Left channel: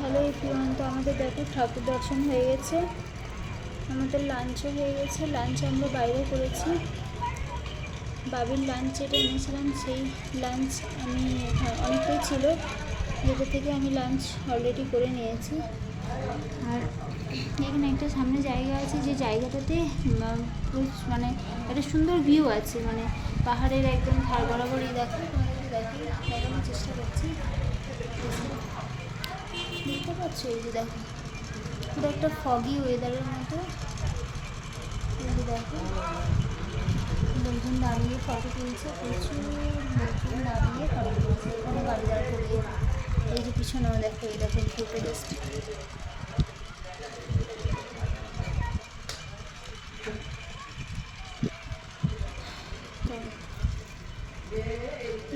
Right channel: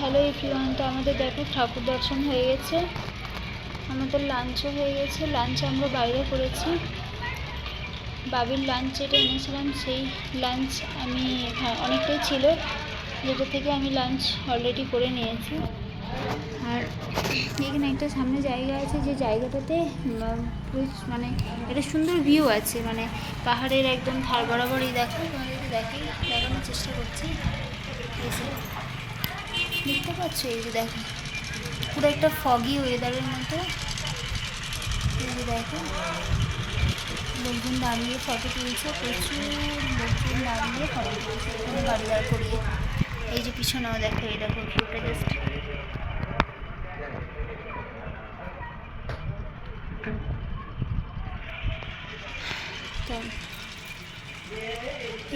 Hello everyone, তো আমাদের দেখো ঠাকুর দর্শন হয়ে গেছে, আমাদের লাঞ্চও হয়ে গেছে। লাঞ্চ আমরা বাইরে করেছি, বাবির লাঞ্চ যেটা এনেছিলাম সেই লাঞ্চ আমি অনেকটাই ছিল, যেটা থেকে আমি লাঞ্চ অলরেডি করে নিয়েছি। আর এখানে একটা সামনে জায়গা আছে, যে জায়গাটাতে মানে একটা সুন্দর ভিউ আছে, মানে পাহাড়ের একদম ধার বরাবরই। দেখো তোমাদেরকে দেখানোর চেষ্টা করছি, দেখতে পাচ্ছ? এই যে দেখো পুরো একটা ফগি ওয়েদারের মতো। এই যে দেখো লোকজন দাঁড়িয়ে ফটো তুলছে, প্রচুর লোকজন দাঁড়িয়ে ফটো তুলছে এখানে গাড়ি দাঁড় করিয়ে। এই যে পিছনেও দেখো, এই দেখো ভিউটা জাস্ট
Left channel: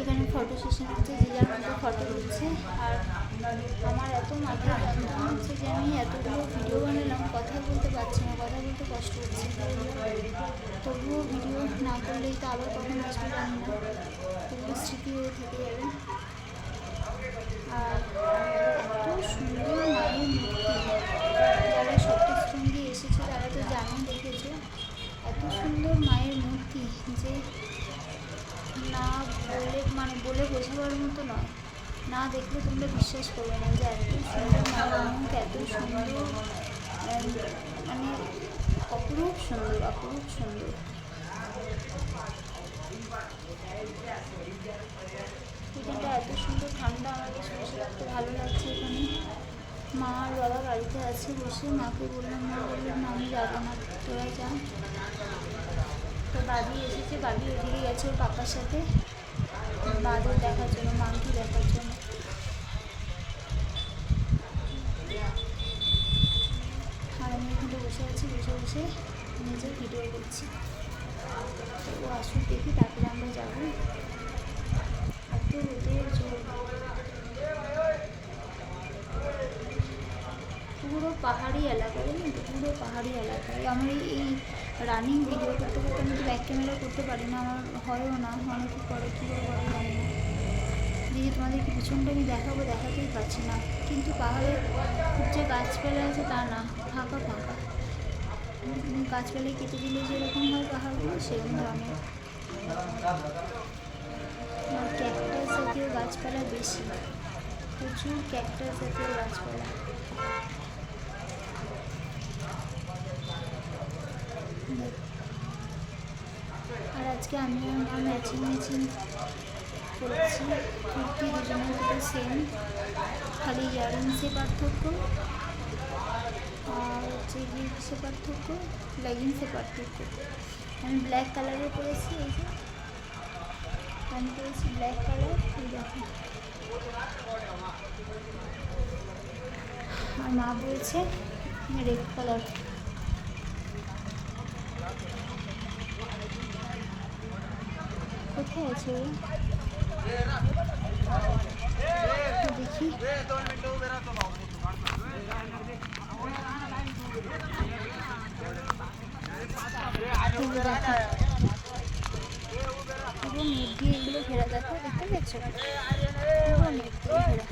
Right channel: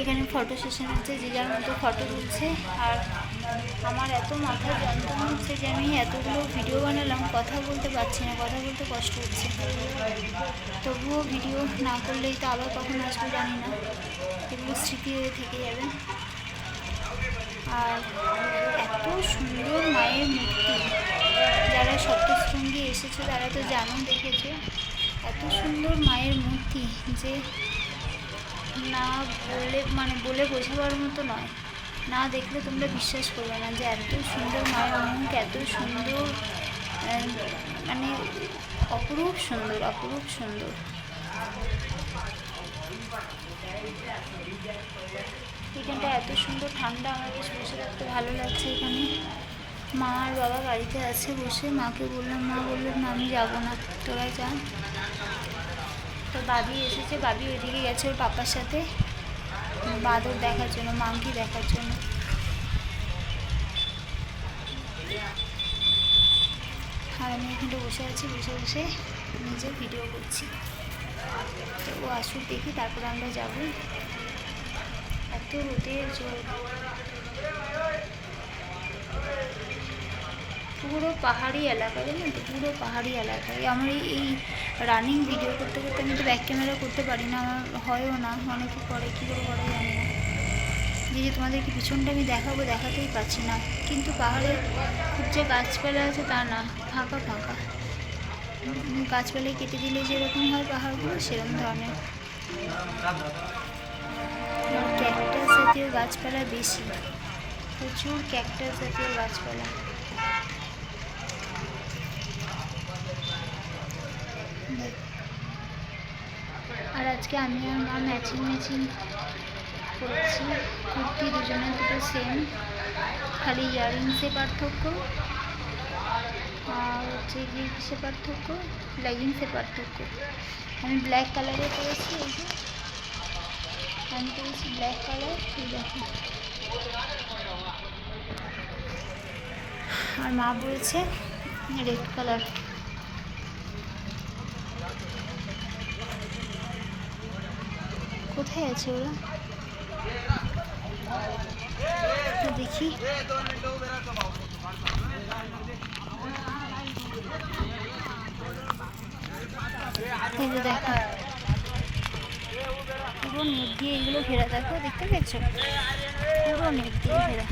এখানে ফটো সেশন হচ্ছে, যে যার মতো ফটো তুলছে। আর আমার এত মাথায় যন্ত্রণা হচ্ছে যে আমি এতগুলো ভিডিও বানালাম, কথা বলতে পারছি না, কথা বলতে কষ্ট হচ্ছে। তবুও ভিডিও না করলেই তো আবার কখন আসবে জানি না, এগুলো স্মৃতি হয়ে থেকে যাবে। আর এত সুন্দর মায়ের মূর্তি, যারা সপ্তশৃঙ্গী এসেছে তারা তো জানো, দেখেছো। এত সুন্দর মায়ের মূর্তি যে না বলে বোঝাবার মতো নয়, না দেখলে তোমরা বিশ্বাস করবে না যে এত সুন্দর মায়ের মুখ, এত সুন্দর, মানে অপরূপ সুন্দর, অপরূপ সুন্দর। এখানটা এত সুন্দর ঠান্ডা, আমার বেশ বসে থাকতে ভালো লাগছে এখানে। মা আর বাবা গাড়িতে আছে বসে, মাকে বললাম, মা বললেন না আমি যাবো না, তোরা যা। তো বাবি এসেছে, বাবি ওইদিকে গেছে ওর পাপার সাথে বাদর দেখার জন্য, মাংকি দেখার জন্য। আর আমি এখানটা বসে আছি, বসে বসে নিজের ভিডিও করছি। তো ও আসুক দেখি, তারপরে আমরা যাব। এত রোদের জোর, পুরো পাহাড়ি এলাকা, জানেন তো, পুরো পাহাড়ি এলাকায়। আমার এই রানিং ভিডিও করতে করতে আমি তো ব্যাক ক্যামেরা করতে পারি না, আমার হয়ও না, অনেকে করে, কী করে করে জানি না। যে তোমাদেরকে পিছনটা আমি দেখাতেই পাচ্ছি না। কিন্তু পাহাড়ে খুব যে গাছপালা আছে তা না, ফাঁকা ফাঁকা। গাছপালায় কেটে দিলে যেরকম হয় পাহাড়গুলো, সেরকম ধরনের। আর ক্যাকটাস জাতীয় গাছপালা বেশি, প্রচুর ক্যাকটাস জাতীয় গাছপালা। আর আজকে আমি আর মা ম্যাচিং করছি কুর্তি, দুজনের দুটো সেম, খালি ইয়াররিংসে পার্থক্য, আর হচ্ছে গিয়ে কিসে পার্থক্য, লেগিংসে পার্থক্য। আমি ব্ল্যাক কালারে পরেছি, এই যে আমি পরেছি ব্ল্যাক কালার, এই দেখো। আর মা পরেছে রেড কালার। কোথায় আছে ওরা দেখি। দেখো পুরো নেট দিয়ে এগুলো ঘেরা, দেখো দেখতে পেয়েছো, পুরো নেট দিয়ে ঘেরা।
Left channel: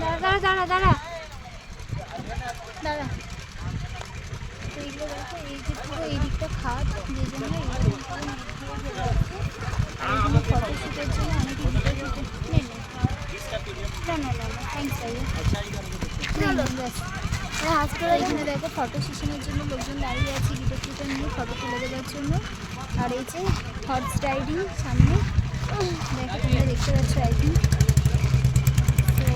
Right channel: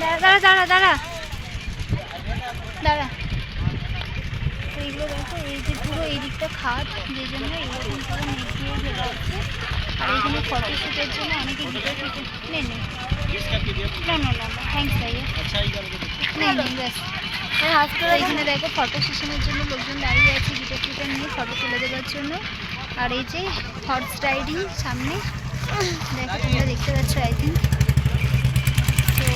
দাঁড়া দাঁড়া দাঁড়া দাঁড়া। তো এইগুলো দেখো, এই যে পুরো এই দিকটা খাট, যে জন্য এইরকম পুরো নেট দিয়ে ঘেরা হচ্ছে। আর এইখানে ফটোশ্যুটের জন্য অনেকে ভিডিও শুটে নেই না না না না, থ্যাংকস ভাইয়া, নেই ব্যাস। এখানে দেখো ফটো সেশনের জন্য লোকজন দাঁড়িয়ে আছে, ভিডিও ফটো নিয়ে ফটো তুলে দেওয়ার জন্য। আর এই যে হর্স রাইডিং সামনে, দেখো তোমরা দেখতে পাচ্ছ আই থিঙ্ক। তো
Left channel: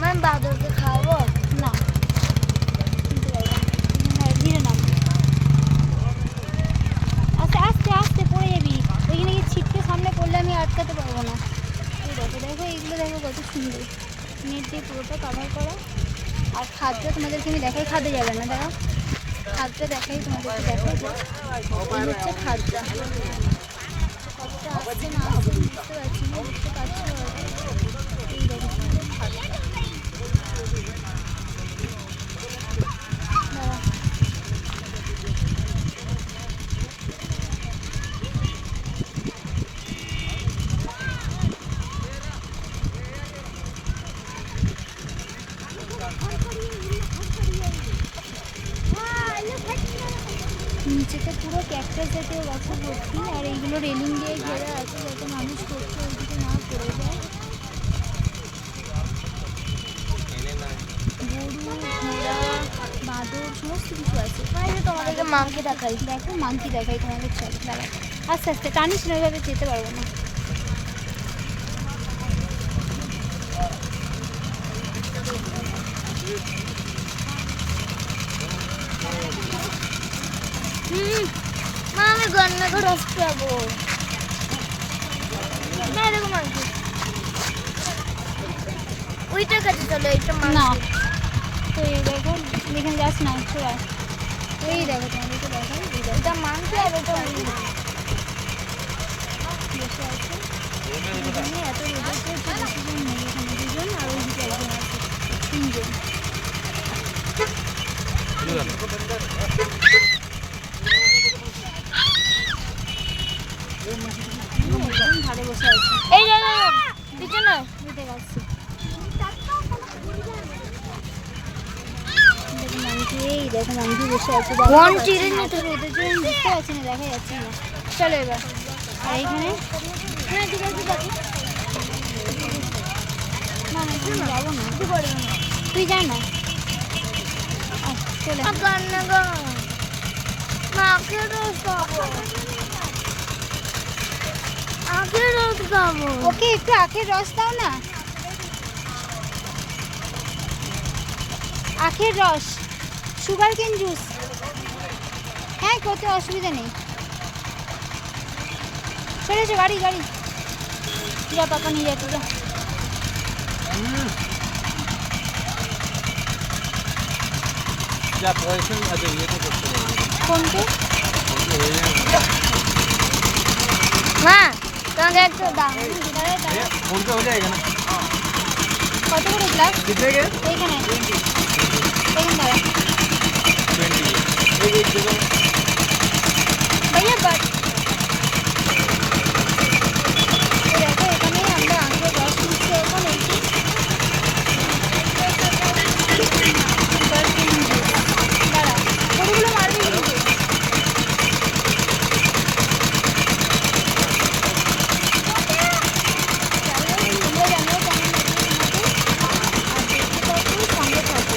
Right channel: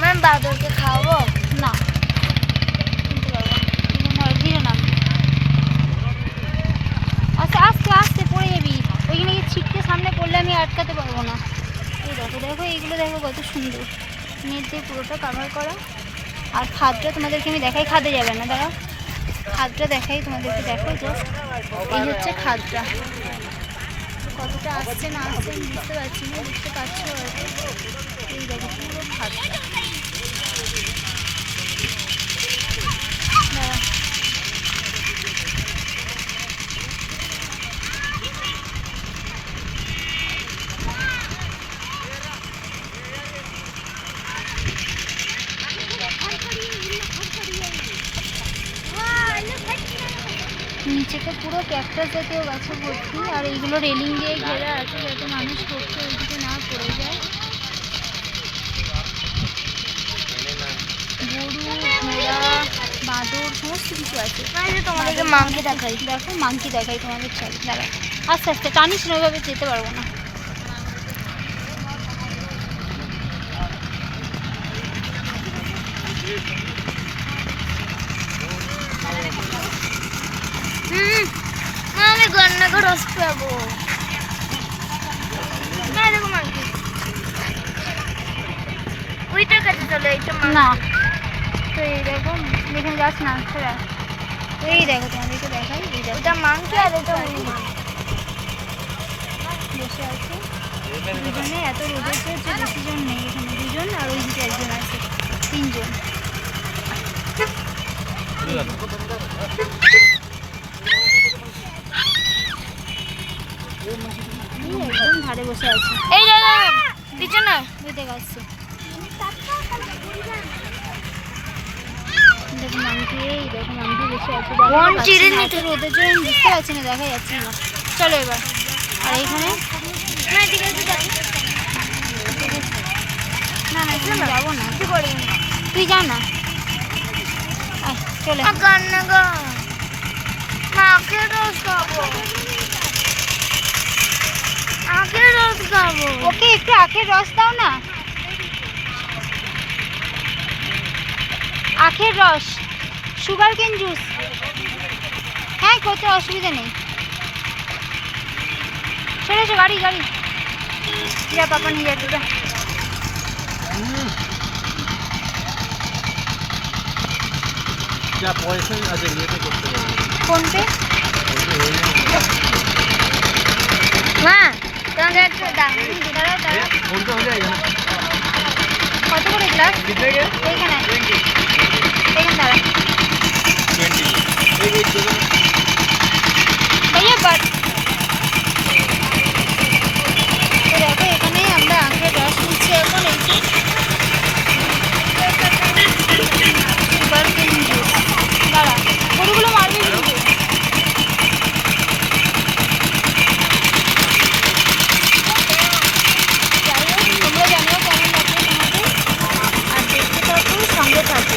ম্যাম বাদরকে খাওয়াবো না, কিনতে পারবো না, ধীরে নাম, আস্তে আস্তে আস্তে পড়ে যাবি, ওইখানে গিয়ে ছিটকে সামনে পড়লে আমি আটকাতে পারবো না। এই দেখো দেখো এইগুলো দেখো কত সুন্দর, নেট দিয়ে পুরোটা কাভার করা। আর খাদটা তোমাদেরকে আমি দেখাই, খাদে যাবে না, দাঁড়াও খাদটা দেখাই তোমাদেরকে, দেখো জাস্ট এই হচ্ছে খাদটা। কতটা আসছে না আসছে আমি বুঝতে পারছি না, বুঝতে পারছো? এই দেখো পুরো খাদটা, দাঁড়া নিচেতে পুরো ক্যাকটাস জাতীয় গাছে ভর্তি, আর এইগুলো রেলিং দিয়ে ঘেরা আছে যাতে মানুষ টোপকে ওইদিকে না পড়ে যায়। গরু, ঘোড়া, বাঁদর সমস্ত কিছু আছে। তোমাদেরকে মাংকি দেখাই। দেখো মাংকি দেখাই তোমাদের, চল দাঁড়া, আস্তে আস্তে টানিস না, ওইভাবে যেতে পারবো না। আমি গন্নাকে রস পাবো না। দেখো মাংকি ওইটার কাছে চলে, এইটা না তো এই দেখো, দেখুন গাছ না ছোড়া, এই দেখো তোমাদেরকে দেখাই, এই দেখো এটা মাংকি আর এটা বসে আছে দুজনে। এত রোদে হচ্ছে, বেশি জন নেই এখানে, দুজন আর ওইদিকে একজন আছে, তিনজন। একদম ধারে বসে আছে, এই দাদা পিছনে বুঝতে পারছি। দেখো মাংকি, এই দেখো মাংকি বসে আছে, কোন চিড়ে এত রোদের জন্য আমি বুঝতে পারছি না, দেখা যাচ্ছে না। চলো এবার, আর এইখানে না ঠিক আছে দেখো না না এখানে যাবো না, তুই যা না, আয় চলে। গন্নাগা আখের রস খাবো, আখের রস খাবো। ওকে একটু আখের রস দাও না, আখের রস, সুগার কেন জুস, হ্যাঁ করতে অসুবিধা নেই। চলে এসো, গাড়ি গাড়ি, যা পাপা নিয়ে যাচ্ছে, যা। ফোনপে মা তোমাকে একটু দাও। দাঁড়াও দাঁড়াও, কত করে গ্লাস এইখানে, এইখানে দাঁড়া ভাইয়া বাট। দেখো এখানে আমরা আখের রস নিচ্ছি এখন, এইটি সুগার কেন জুস। দাঁড়া, গরুগুলো মারবে কিন্তু। যাই হোক, তোমরা জানিও কেমন লাগবে তোমাদের, আর দেখতে থাকো, সঙ্গে থাকো।